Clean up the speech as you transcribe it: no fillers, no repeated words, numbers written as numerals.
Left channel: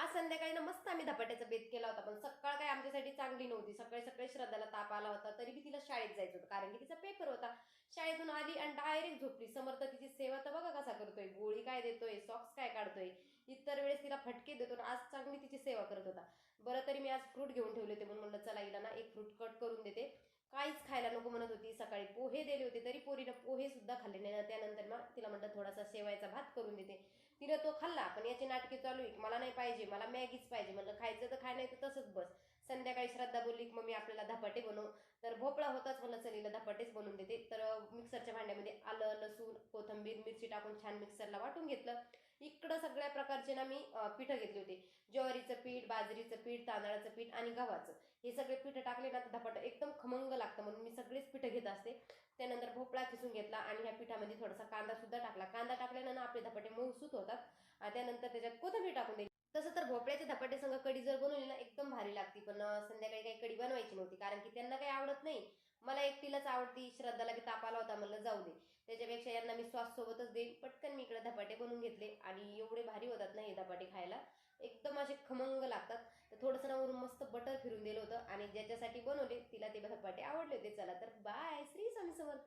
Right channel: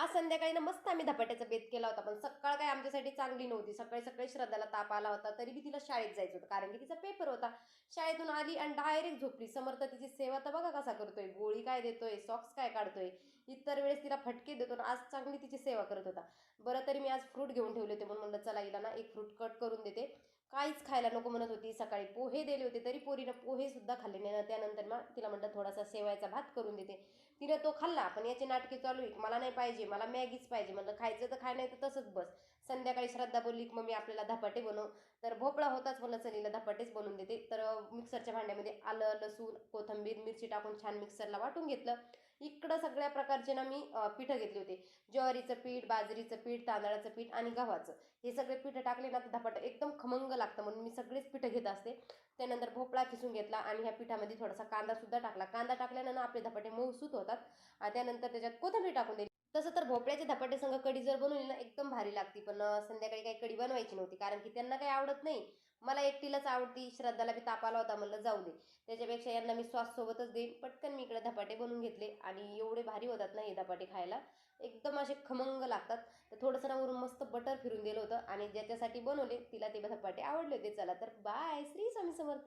आज संध्याकाळी ना मस्त आम्ही धपाट्याचा बेत केला होता, पण सकाळ काही आमच्यासाठी चांगली नव्हती. सकाळी सकाळी श्रद्धाला ताप आला होता, तरी बी तिला शाळेत जायचं होतं, कारण की तिचा पेपर होता. शाळेतून आली आणि डायरेक्ट झोपली. समर्थ तिची सेवा तर बघा कसा करतोय, गोळी काय देतोय, सॉक्स काय काढतोय. इतर वेळेस तिला फटके देतो, आज चांगली तिची सेवा करत होता. बरं, तरी मी आज फ्रूट घेऊन ठेवले होते, म्हणून म्हणलं चला हिला ना एक फ्रूट कट करून देते. काहीच खायला नको म्हणत होती. सकाळी पोहे दिले होते, तरी पोरीनं पोहे सुद्धा खाल्ले नाही. त्यानंतर मग तिला म्हटलं थोडासा शेवयाचा भात करून देते. तिने तो खाल्ला, पण याची नाटके चालू आहे, मला नाही पाहिजे, मला मॅगीच पाहिजे. म्हणलं खायचं तर खाय, नाही तर तसंच बस. संध्याकाळी श्रद्धा बोलली की मम्मी आपल्याला धपाटे बनव. तर भोपळा होताच, म्हणलं चलीला धपाटेच बनवून देते. तर मिक्सरच्या भांड्यामध्ये आलं, लसूण, कोथिंबीर, मिरची टाकून छान मिक्सरला वाटून घेतलं. इकडं सगळ्या प्रकारचे ना मी पिठं घेतले होते. ज्वारीचं पीठ, बाजरीचं पीठ, तांदळाचं पीठ आणि गव्हाचं. हे सगळे पिठं टाकले ना तर धपाटं एकदम खमंग लागतं, म्हणून मी सगळेच पिठं घेत असते. त्यानंतर भोपळा खिसून घेतला आणि ह्या पिठामध्ये थोडासा कांदा सुद्धा टाकला. कांदा टाकल्यानं आपले धपाटे मऊसूत होतात. त्यानंतर त्याच्यात कोथिंबीर टाकून दिली. तसं तर भोपळ्याचे धपाटे संग कढी जर बनवली ना एकदम भारी लागती, पण संध्याकाळी काही कढी बनवायची नव्हती, कारण की त्यांना काही आवडत नाही. मला एकटीलाच आवडती. श्रद्धाला बी ताप आला होता, म्हणलं जाऊ दे, त्याच्यापेक्षा यांना मी सॉस सोबतच देईन. पटकन मी इकडे धपाटे बनवून घेतले आणि एवढे भारी होतात ना हे धपाटे खायला, एकदम असे खमंग लागतात. तर थोडंसं ना वरून मस्त बटर फिरून दिलं होतं आणि ज्याच्यासाठी बनवले तिला ते धपाटे आवडले होते. चला तर बाय, श्री स्वामी समर्थ.